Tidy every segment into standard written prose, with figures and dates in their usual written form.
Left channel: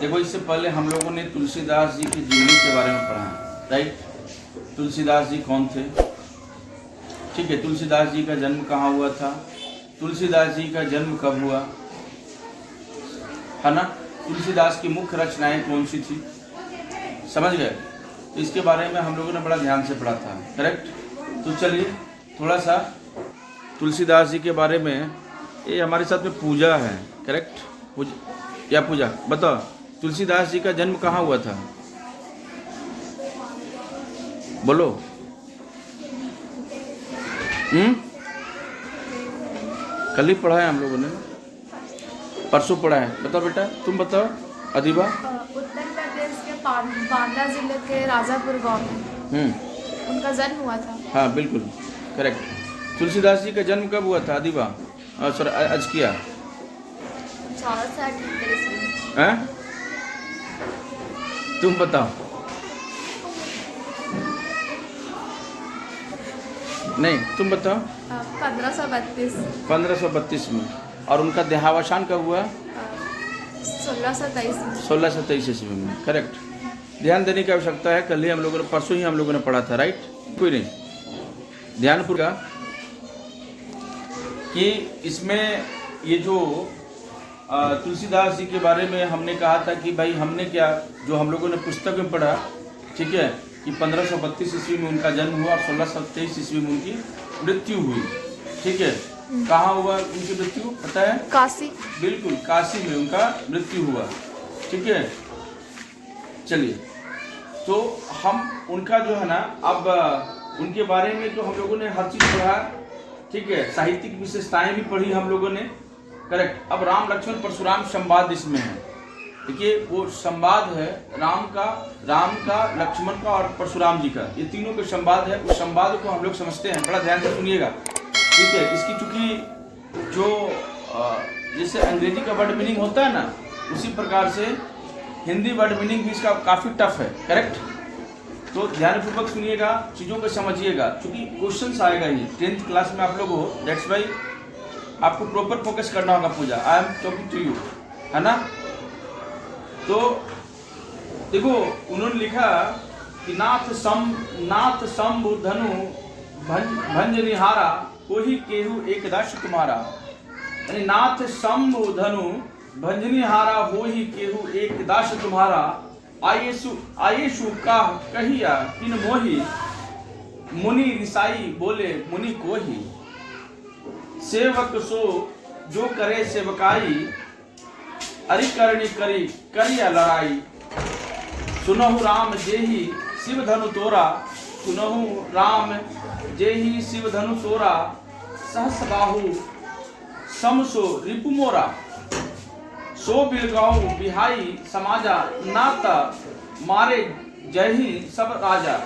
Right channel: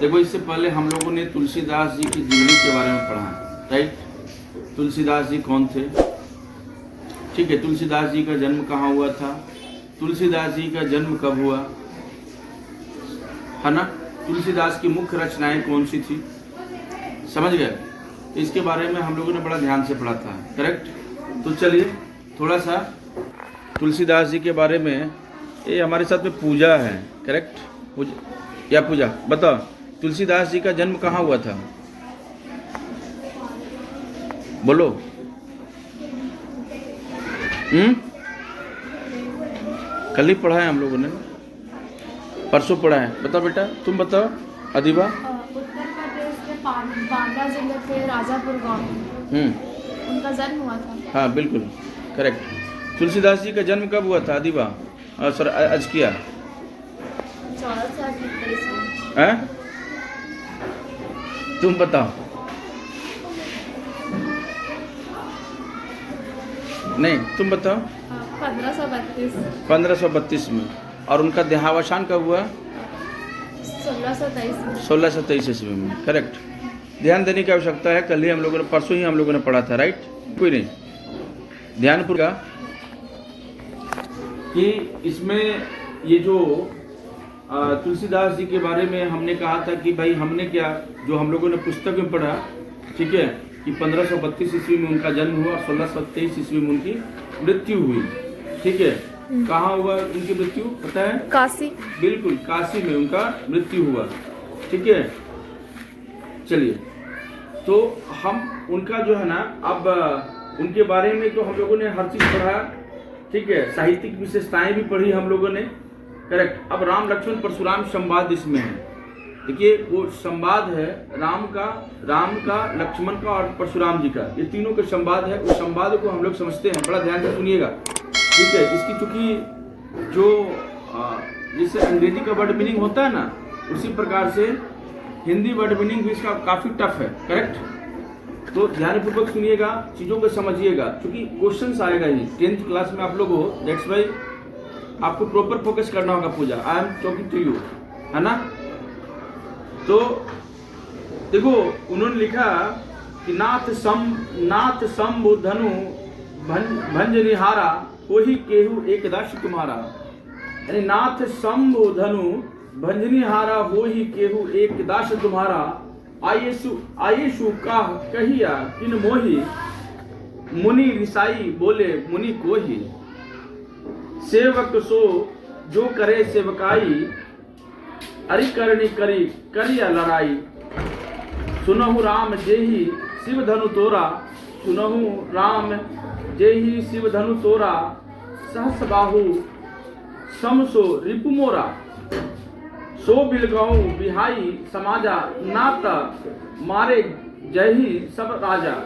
देखो, इससे पहले हम लोगों ने तुलसीदास जी की जीवनी के बारे में पढ़ा है, राइट। तुलसीदास जी कौन थे? ठीक है, तुलसीदास जी का जन्म कहाँ हुआ था, तुलसीदास जी का जन्म कब हुआ, है ना। तुलसीदास की मुख्य रचनाएं कौन सी थी, समझ गए। तो इसके बारे में हम लोगों ने बड़ा ध्यान से पढ़ा था, करेक्ट। तो चलिए थोड़ा सा तुलसीदास जी के बारे में, ये हमारे साथ में पूजा है, करेक्ट। पूजा बताओ, तुलसीदास जी का जन्म कहाँ हुआ था, बोलो। कल ही पढ़ा है हम लोगों ने, परसों पढ़ा है। बताओ बेटा, तुम बताओ अधिबा। उत्तर प्रदेश के बांदा जिले के राजापुर गांव में उनका जन्म हुआ था। हाँ बिल्कुल करेक्ट। तुलसीदास जी का जन्म कब हुआ था अधिबा, सर आज किया 1438 में। हैं? तुम बताओ। नहीं तुम बताओ। 1532 1532 में। और उनका देहावसान कब हुआ? 1623 में। 1623 ईस्वी में, करेक्ट। ध्यान देने की आवश्यकता है, कल ही हम लोगों ने, परसों ही हम लोगों ने पढ़ा था, राइट। कोई नहीं, ध्यान पूर्वक कि इसमें ये जो तुलसीदास जी के बारे में हमने कहा था कि भाई हमने क्या, जो हम लोगों ने पुस्तक में पढ़ा, ठीक है, कि 1532 ईस्वी में उनका जन्म हुआ और 1623 ईस्वी में उनकी मृत्यु हुई, ठीक है। कहाँ हुआ उनकी मृत्यु पता है? काशी। बिल्कुल, काशी में उनका मृत्यु हुआ, ठीक है। चलिए, तो हम उनका जो है ना, अब उनके बारे में तो हम लोगों ने हर चीज पढ़ा, ठीक है। साहित्यिक विशेषताएं भी पढ़ी हम लोगों ने, करेक्ट। अब राम लक्ष्मण परशुराम संवाद इसमें है। देखिए, वो संवाद है राम का, लक्ष्मण का और परशुराम जी का, ये तीनों के संवाद है। उस संवाद को हम लोग समझते हैं, बड़ा ध्यान से सुनिएगा, ठीक है। इसकी चूंकि जो जैसे अंग्रेजी का वर्ड मीनिंग होता है ना, उसी प्रकार से हिंदी वर्ड मीनिंग भी इसका काफी टफ है, करेक्ट। तो ध्यानपूर्वक सुनिएगा, चीजों को समझिएगा, क्योंकि क्वेश्चंस आएगा ही 10th क्लास में आप लोगों को। दैट्स वाई आपको प्रॉपर फोकस करना होगा Pooja. I am talking to you, है ना। तो देखो, उन्होंने लिखा कि नाथ शंभु धनु भंज निहारा, कोही केहू एक दास तुम्हारा। यानी नाथ शंभु धनु भंजनिहारा, होही केहू एक दास तुम्हारा। आयेशु का कहिया किन मोही, मुनि रिसाई बोले मुनि कोही। सेवक सो जो करे सेवकाई, अरि करनी करी करिया लड़ाई। सुनहु राम जेहि शिव धनु तोरा, सुनहु राम जेहि शिव धनु तोरा। सहस बाहु समसो रिपु मोरा, सो बिलगाऊ बिहाई समाजा। नाता मारे जही सब राजा।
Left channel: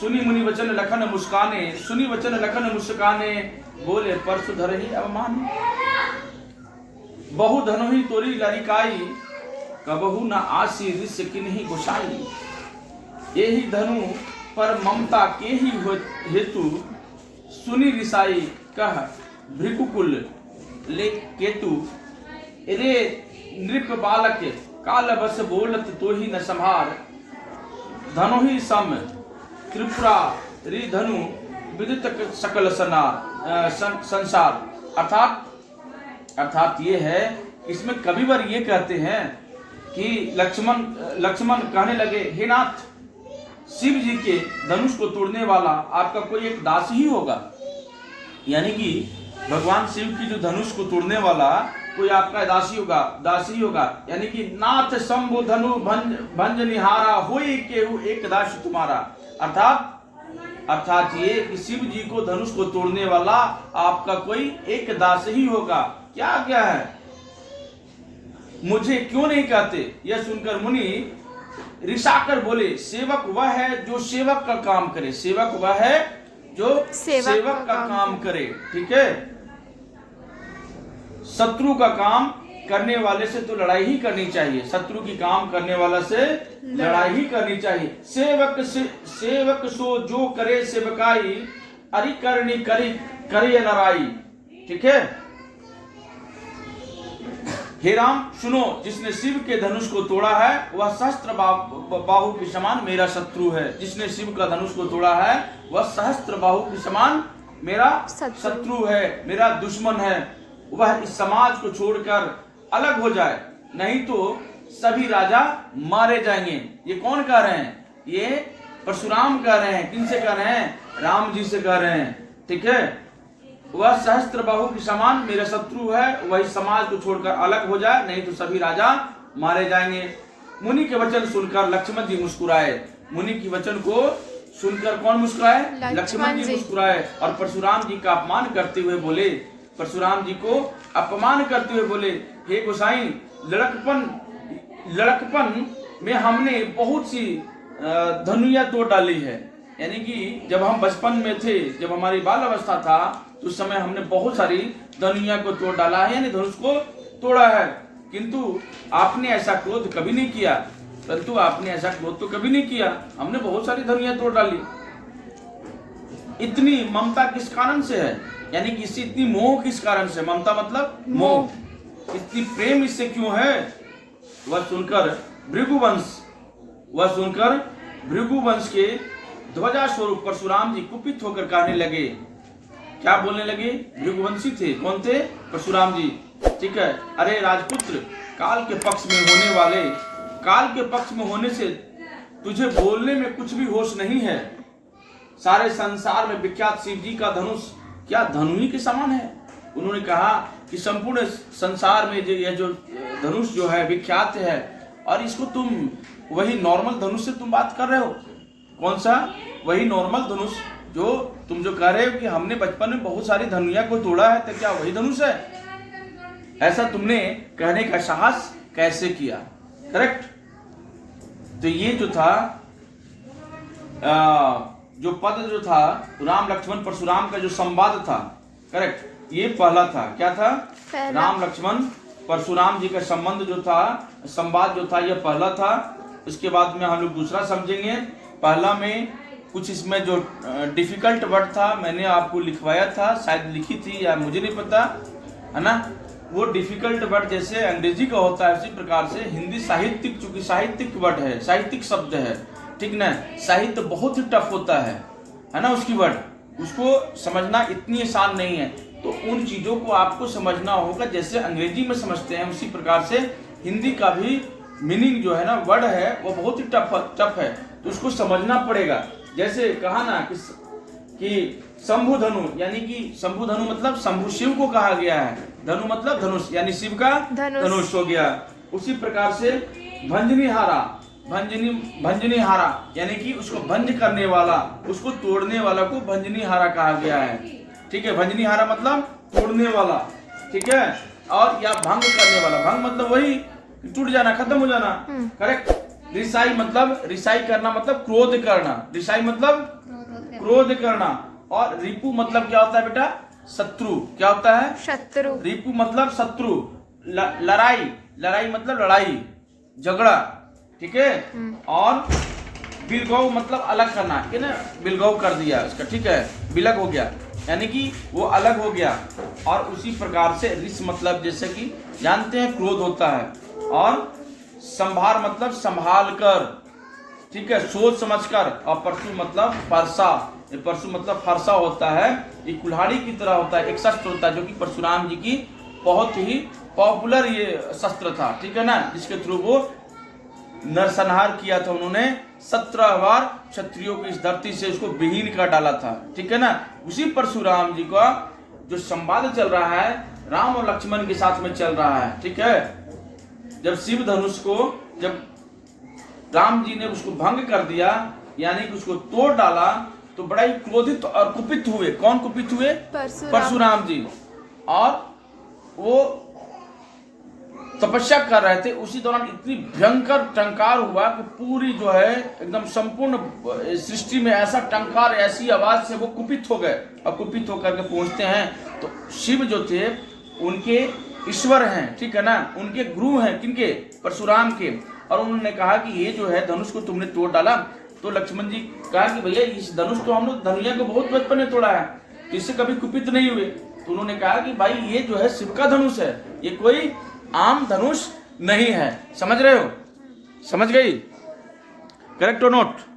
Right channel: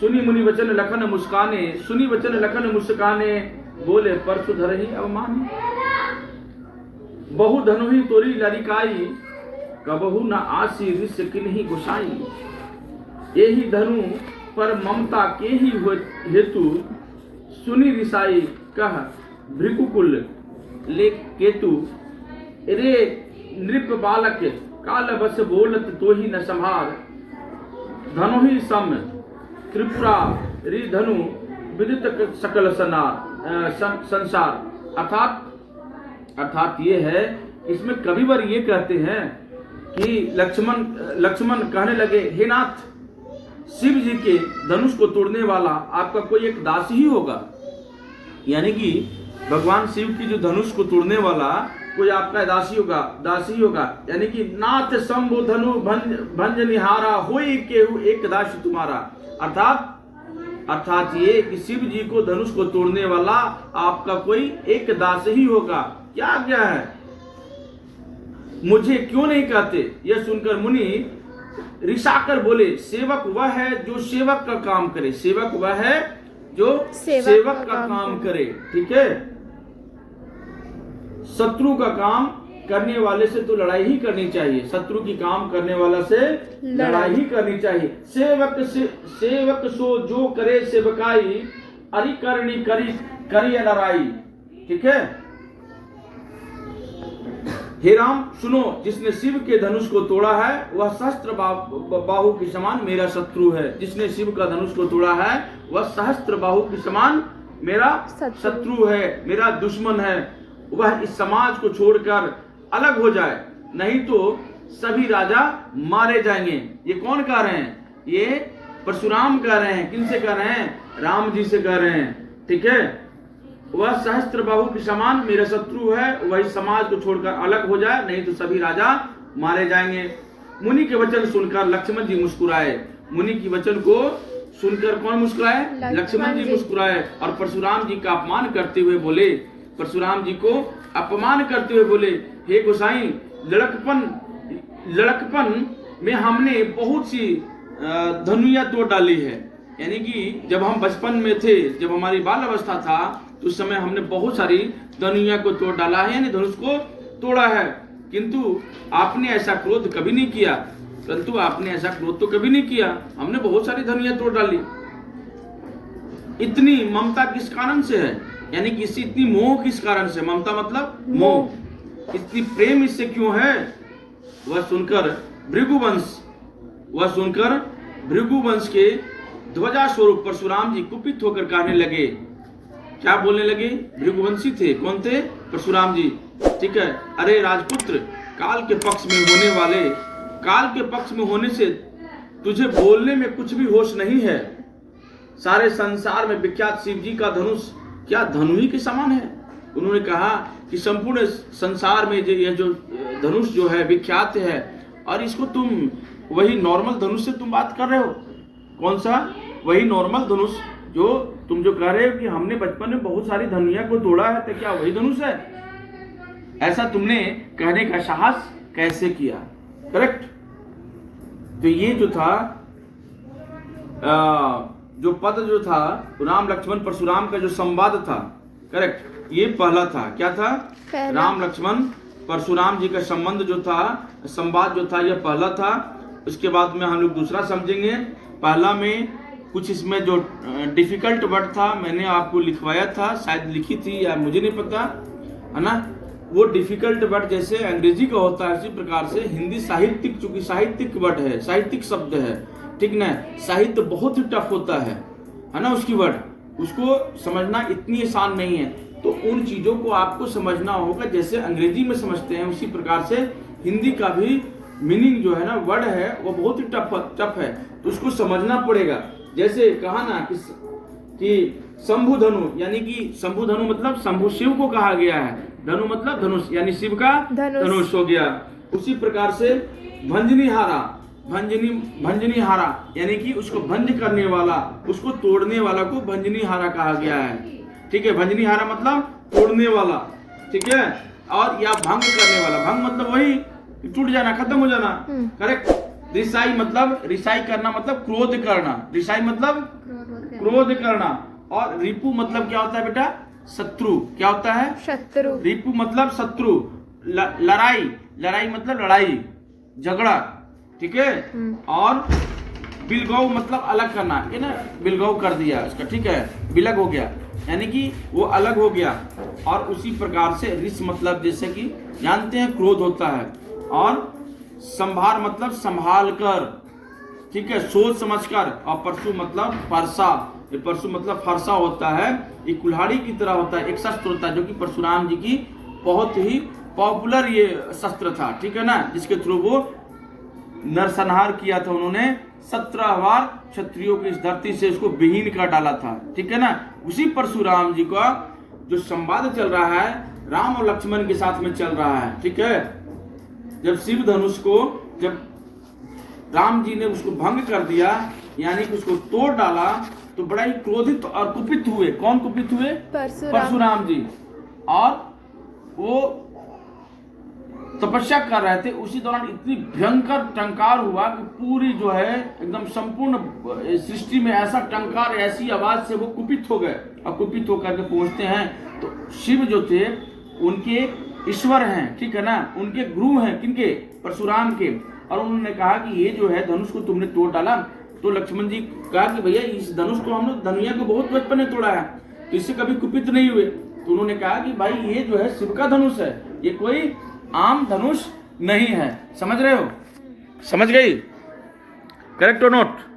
सुनी मुनि वचन लखन मुस्काने, सुनी वचन लखन मुस्काने। बोले परसु धरहि अवमाने। बहु धनुहि तोरी लरिकाई, कबहु न आसी रिस किन्ही गुसाई। यही धनु पर ममता के ही हेतु, सुनी रिसाई कह भृकुकुल ले केतु। रे नृप बालक काल बस बोलत तो ही न संभार। धनु ही सम त्रिपुरा रि धनु विदित सकल संसार। अर्थात ये है, इसमें कविवर ये कहते हैं कि लक्ष्मण कहने लगे, हे नाथ, शिव जी के धनुष को तोड़ने वाला आपका कोई एक दास ही होगा। यानी कि भगवान शिव की जो धनुष को तोड़ने वाला कोई आपका दासी होगा। यानी कि नाथ शंभु धनु भंज निहारा, होई केहू एक दास तुम्हारा। अर्थात ये कि शिव जी को धनुष को तोड़ने वाला आपका कोई एक दास ही होगा। क्या आज्ञा है? मुझे क्यों नहीं कहते? यह सुनकर मुनि रिसाकर बोले, सेवक वह है जो सेवक का काम करे। सेवक वह है जो सेवक का काम करे, ठीक है। शत्रु का काम करने वाले से तो लड़ाई ही करनी चाहिए, शत्रु की काम करने वाला से लड़ाई ही करनी चाहिए। सेवक सो जो करे सेवकाई, अरि करनी करी करे लड़ाई, ठीक है। हे राम सुनो, जिसने शिव के धनुष को तोड़ा है वह सहस्त्र बाहु के समान मेरा शत्रु है। जिसने शिव का धनुष को तोड़ा है वह सहस्त्र बाहु के समान मेरा शत्रु है, मेरा दुश्मन है। वह इस समाज को छोड़कर अलग हो जाए, नहीं तो सभी राजा मारे जाएंगे। ये कौन कह रहे हैं? ये परशुराम कह रहे हैं। किन से कह रहे हैं? राम जी से कह रहे हैं। ठीक है, वह सहस्त्र बाहु के समान मेरा शत्रु है, वह इस समाज को छोड़कर अलग हो जाए, नहीं तो सभी राजा मारे जाएंगे। मुनि के वचन सुनकर लक्ष्मण जी मुस्कुराए। मुनि की वचन को सुनकर कौन मुस्कुराए? लक्ष्मण जी मुस्कुराए। और परशुराम जी का अपमान करते हुए बोले, परशुराम जी को अपमान करते हुए बोले, हे गोसाई, लड़कपन में हमने बहुत सी धनुया तोड़ डाली है। यानी कि जब हम बचपन में थे, जब हमारी बाल अवस्था था, तो उस समय हमने बहुत सारी धनुया को तोड़ डाला है, यानी धनुष को तोड़ा है। किंतु आपने ऐसा क्रोध कभी नहीं किया, परंतु आपने ऐसा क्रोध तो कभी नहीं किया। हमने बहुत सारी धनुया तोड़ डाली। इतनी ममता किस कारण से है? यानी कि इससे इतनी मोह किस कारण से? ममता मतलब मोह। इतनी प्रेम इससे क्यों है? वह सुनकर भृगुवंश के ध्वजा स्वरूप परशुराम जी कुपित होकर कहने लगे। क्या बोलने लगे? भृगुवंशी थे। कौन थे? परशुराम जी। ठीक है, अरे राजपुत्र, काल के पक्ष में होने से तुझे बोलने में कुछ भी होश नहीं है। सारे संसार में विख्यात शिव जी का धनुष क्या धनु ही के समान है? उन्होंने कहा कि संपूर्ण संसार में यह जो धनुष जो है विख्यात है, और इसको तुम वही नॉर्मल धनुष से तुम बात कर रहे हो। कौन सा? वही नॉर्मल धनुष जो तुम जो कह रहे हो कि हमने बचपन में बहुत सारी धनुया को तोड़ा है, तो क्या वही धनुष है? ऐसा तुमने कहने का साहस कैसे किया? करेक्ट। तो ये जो था जो पद जो था राम लक्ष्मण परशुराम का जो संवाद था, करेक्ट, ये पहला था। क्या था? राम लक्ष्मण परशुराम जी का संबंध जो था, संवाद जो था, यह पहला था। उसके बाद में हम लोग दूसरा समझेंगे। पहला में कुछ इसमें जो डिफिकल्ट वर्ड था, मैंने आपको लिखवाया था, शायद लिखी थी या मुझे नहीं पता, है ना। वो डिफिकल्ट वर्ड जैसे अंग्रेजी का होता है, उसी प्रकार से हिंदी साहित्यिक, चूंकि साहित्यिक वर्ड है, साहित्यिक शब्द है, ठीक ना। साहित्य बहुत ही टफ होता है ना। उसकी वर्ड, उसको समझना इतनी आसान नहीं है। तो उन चीजों को आपको समझना होगा, जैसे अंग्रेजी में समझते हैं उसी प्रकार से हिंदी का भी मीनिंग जो है ना, वर्ड है, वो बहुत ही टफ है। तो उसको समझना पड़ेगा। जैसे कहा ना कि शंभु धनु, यानी कि शंभु धनु मतलब शंभु शिव को कहा गया है, धनु मतलब धनुष, यानी शिव का धनुष हो गया। उसी प्रकार से भंजनी हारा, यानी कि उसको भंज करने वाला, उसको तोड़ने वाला को भंजनी हारा कहा गया है। ठीक है, भंजनी हारा मतलब तोड़ने वाला, ठीक है। और या भंग करने वाला, भंग मतलब वही टूट जाना, खत्म हो जाना, करेक्ट। रिसाई मतलब, रिसाई करना मतलब क्रोध करना, रिसाई मतलब क्रोध करना। और रिपु मतलब क्या होता है बेटा? शत्रु। क्या होता है? शत्रु। रिपु मतलब शत्रु। लड़ाई मतलब लड़ाई, झगड़ा, ठीक है। और बिलगौ मतलब अलग करना, है ना, बिलगौ कर दिया उसका, ठीक है, बिलग हो गया, यानी कि वो अलग हो गया। और उसी प्रकार से रिस मतलब जैसे कि जानते हैं क्रोध होता है। और संभार मतलब संभाल कर, ठीक है, सोच समझ कर। और परशु मतलब फरसा, ये परशु मतलब फरसा होता है, ये कुल्हाड़ी की तरह होता है, एक शस्त्र होता है जो कि परशुराम जी की बहुत ही पॉपुलर ये शस्त्र था, ठीक है ना, जिसके थ्रू वो नरसंहार किया था उन्होंने। 17 बार क्षत्रियों की इस धरती से उसको विहीन कर डाला था, ठीक है ना। उसी परशुराम जी का जो संवाद चल रहा है राम और लक्ष्मण के साथ में चल रहा है, ठीक है। जब शिव धनुष को, जब राम जी ने उसको भंग कर दिया, यानी कि उसको तोड़ डाला, तो बड़ा ही क्रोधित और कुपित हुए। कौन कुपित हुए? परशुराम जी। और वो तपस्या कर रहे थे, उसी दौरान इतनी भयंकर टंकार हुआ कि पूरी जो है एकदम संपूर्ण सृष्टि में ऐसा टंकार, ऐसी आवाज से वो कुपित हो गए। और कुपित होकर के पहुंचते हैं तो शिव जो थे उनके ईश्वर हैं, ठीक है ना, उनके गुरु हैं, किनके? परशुराम के। और उन्होंने कहा कि ये जो है धनुष को तुमने तोड़ डाला। तो लक्ष्मण जी कहा कि भैया इस धनुष को हम लोग धनुया को बहुत बचपन में तोड़ा है, तो इससे कभी कुपित नहीं हुए। तो उन्होंने कहा कि भाई ये जो है शिव का धनुष है, ये कोई आम धनुष नहीं है। समझ रहे हो? समझ गई? करेक्ट और नोट?